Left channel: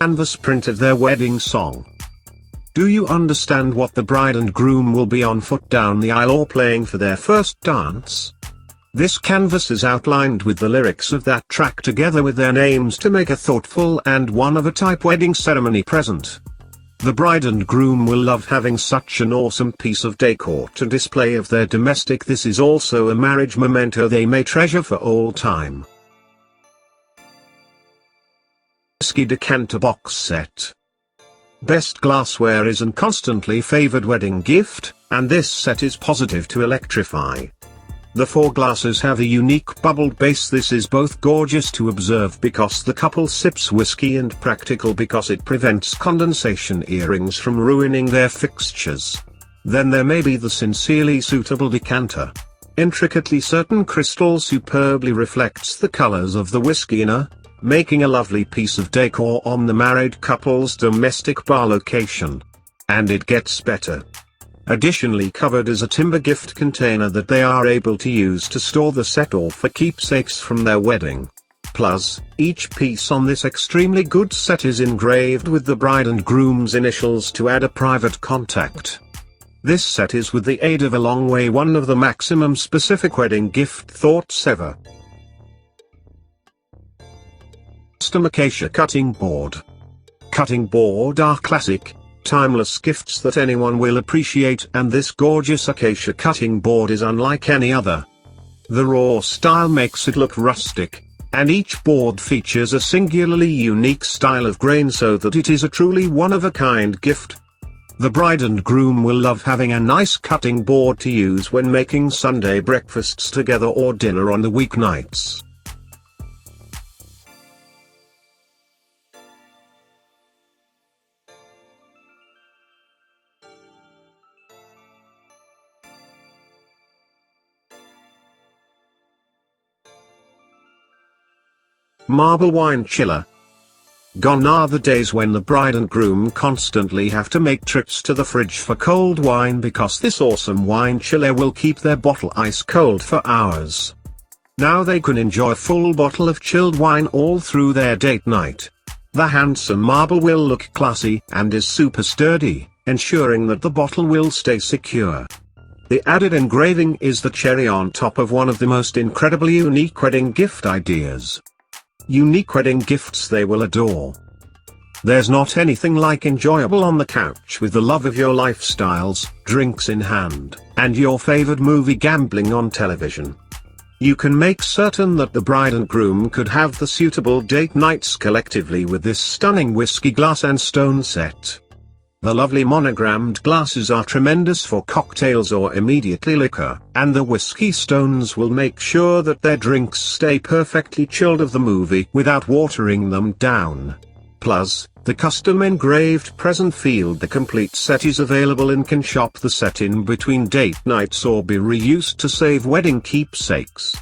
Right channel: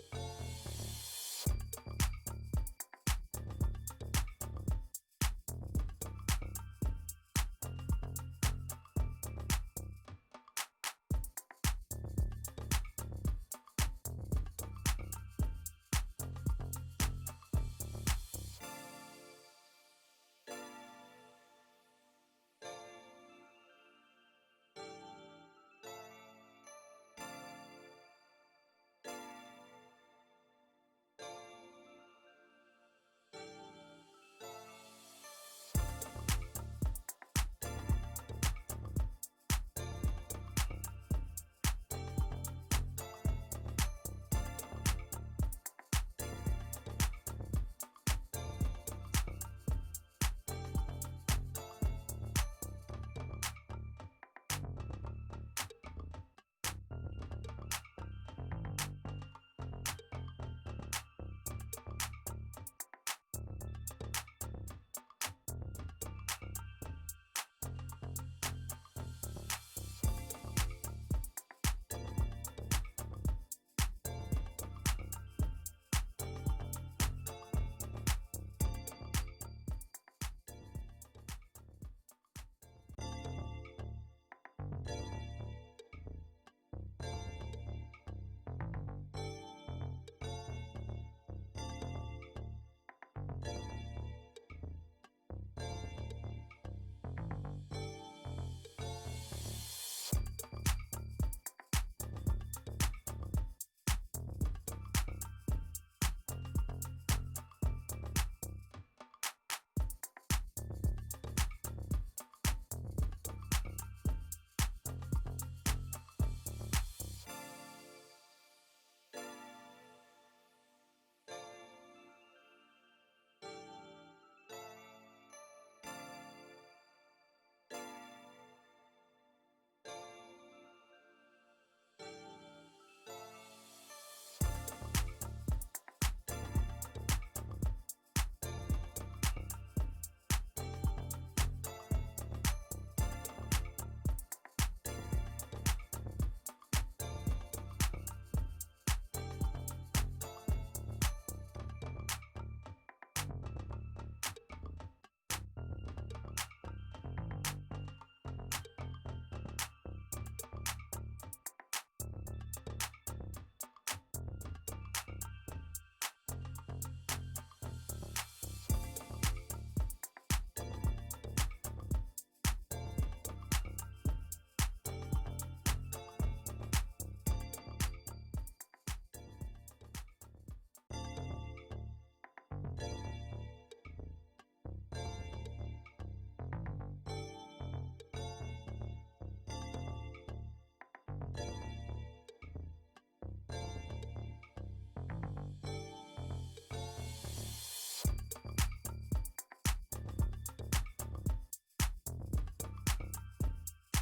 canvas printed their wedding song. Do you understand what the bride and groom will be on foot down the aisle or playing for their first dance? This canvas is outlined with the lyrics of that track together with their names to make a thoughtful and one-of-a-type wedding ceremony present. The bride and groom will love having such an awesome piece of decor to display of their domestic. This is also a marriage memento they may treasure for all time. Whiskey Decanter Box Set. Best glassware is a constantly favored wedding gift, and this set is positive to electrify. The 4 glasses have a unique bubbled base. This is both gorgeous to observe because the couple sips whiskey and practical because it prevents condensation earrings from ruining their fixtures. Then there may be the sincerely suitable decanter. Intricately certain crystal superbly reflects the colors of the whiskey inner, making a lovely piece of decor on the married couple's domestic bar location. And it gets better. Additionally covered is a timber gift container that they are able to use to store the set or for keepsakes from their wedding. Plus, each piece on this extremely good set is engraved with the bride and groom's initials to add a private contact. This set is with the aid of a long way one of the maximum specific wedding gift thoughts ever. Custom acacia cutting board. Cutting board are classic, timeless gifts that anyone will appreciate, and this gorgeous acacia cutting board is unlike any other. The raw style makes it look rustic, and each board features a singularly unique style of grain so that it is a truly one-of-a-kind gift. The bride and groom will love having a nice cutting board to use when making Sunday breakfasts together or dinner on the weeknights. Marble wine chiller. Gone are the days when the bride and groom constantly have to make trips to the fridge for cold wine because this awesome wine chiller will keep their bottle ice cold for hours. Now they can enjoy a full bottle of chilled wine all through their date night. The handsome marble will look classy and is super sturdy, ensuring that the bottle will stay secure. The added engraving is the cherry on top of one of the most incredibly unique wedding gift ideas. Unique wedding gifts they will adore. There's not anything like enjoyable on the couch with the love of your lifestyles, drinks in hand, and your favored movie gambling on television. You can make certain that the bride and groom could have the suitable date nights collectively with this stunning whiskey glass and stone set. The lovely monogrammed glasses are tremendous for cocktails or immediately liquor, and the whiskey stones will make sure that their drinks stay perfectly chilled of the movie without watering them down. Plus, the custom engraved present field. The complete set is available and can shop the set in between date nights or be reused to save wedding keepsakes.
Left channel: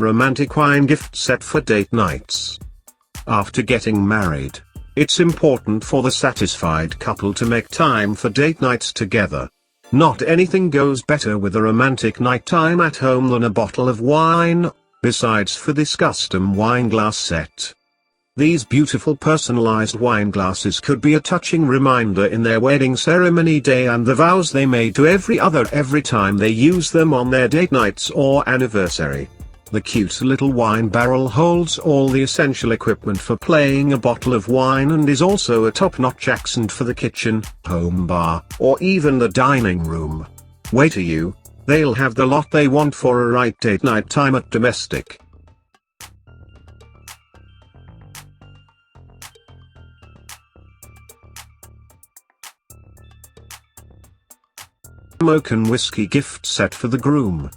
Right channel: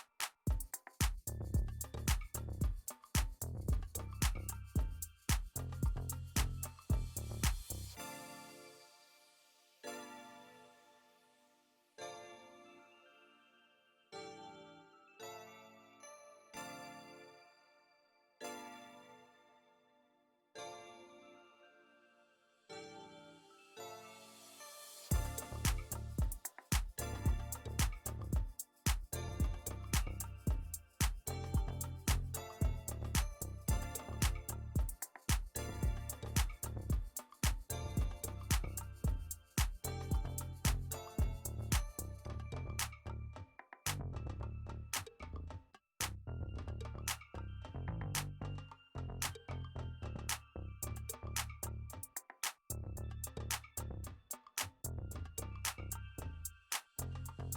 Romantic wine gift set for date nights. After getting married, it's important for the satisfied couple to make time for date nights together. Not anything goes better with a romantic nighttime at home than a bottle of wine. Besides for this custom wine glass set, these beautiful personalized wine glasses could be a touching reminder in their wedding ceremony day and the vows they made to every time they use them on their date nights or anniversary. The cute little wine barrel holds all the essential equipment for playing a bottle of wine and is also a top-notch accent for the kitchen, home bar, or even the dining room. Wait till you, they'll have the lot they want for a right date night time at domestic. American whiskey gift set for the groom.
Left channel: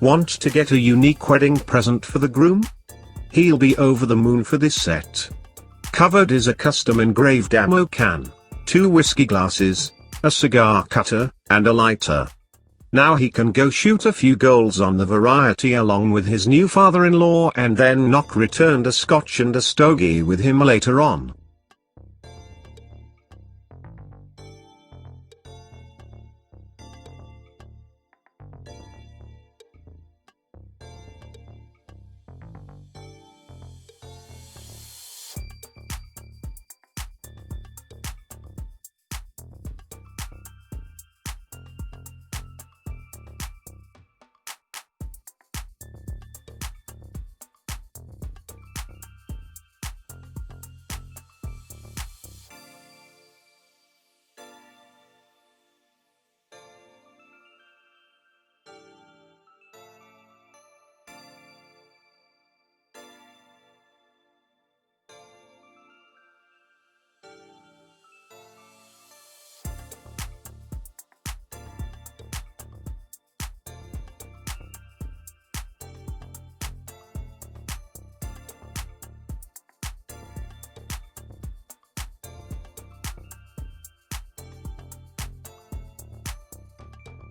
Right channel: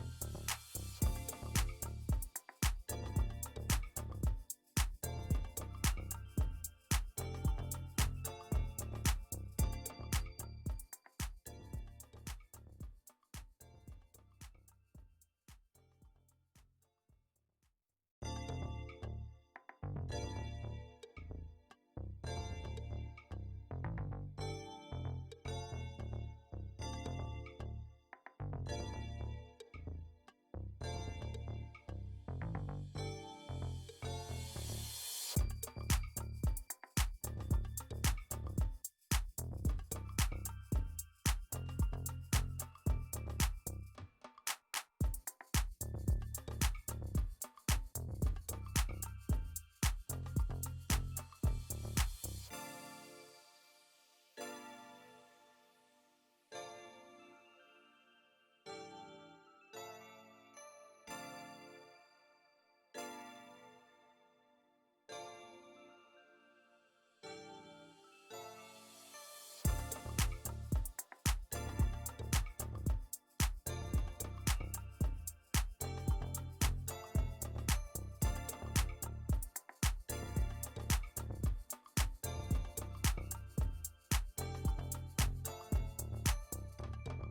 Want to get a unique wedding present for the groom? He'll be over the moon for this set. Covered is a custom engraved ammo can, 2 whiskey glasses, a cigar cutter, and a lighter. Now he can go shoot a few goals on the variety along with his new father-in-law and then knock returned a scotch and a stogie with him later on.